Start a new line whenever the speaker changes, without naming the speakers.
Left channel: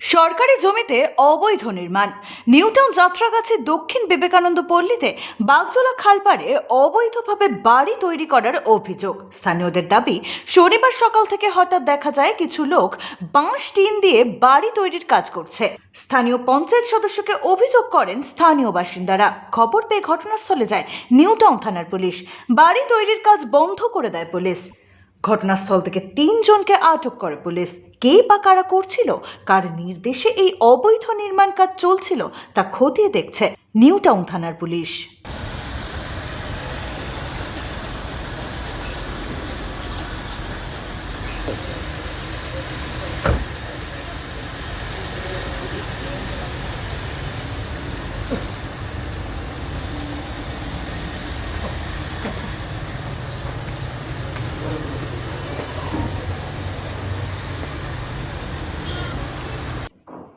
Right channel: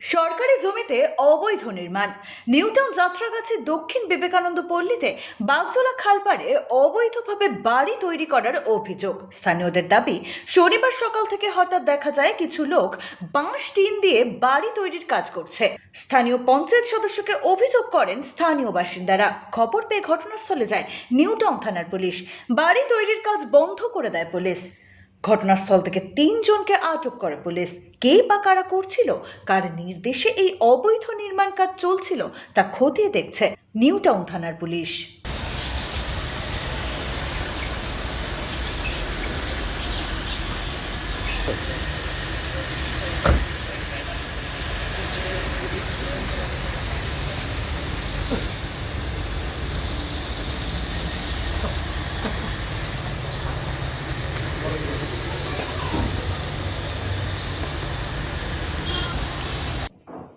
সরকারি জমিতে অবৈধ নির্মাণ। নিউটাউন যাত্রাগাছের দক্ষিণ বিবেকানন্দ পল্লীতে বাগজোলা খালপাড়ে অবৈধভাবে বাড়ি তৈরি করার অভিযোগ। স্থানীয়দের দাবি, শনিবার সকাল থেকে হঠাৎ দেখা যায় কিছু লোক বাঁশ, টিন দিয়ে বাড়ি তৈরির কাজ করছে। স্থানীয় পঞ্চায়েত সদস্যকে অভিযোগ করেন স্থানীয় বাসিন্দারা। খবর পেয়ে ঘটনাস্থলে যায় নিউটাউন থানার পুলিশ। বাড়ি তৈরির কাজ বন্ধ করে দেয় পুলিশ। ঘটনাস্থল থেকে তিনজনকে আটক করে পুলিশ। কে বা কারা করছিল? কার নির্দেশে এই অবৈধ নির্মাণ কাজ চলছিল? তা খতিয়ে দেখছে নিউ টাউন থানার পুলিশ।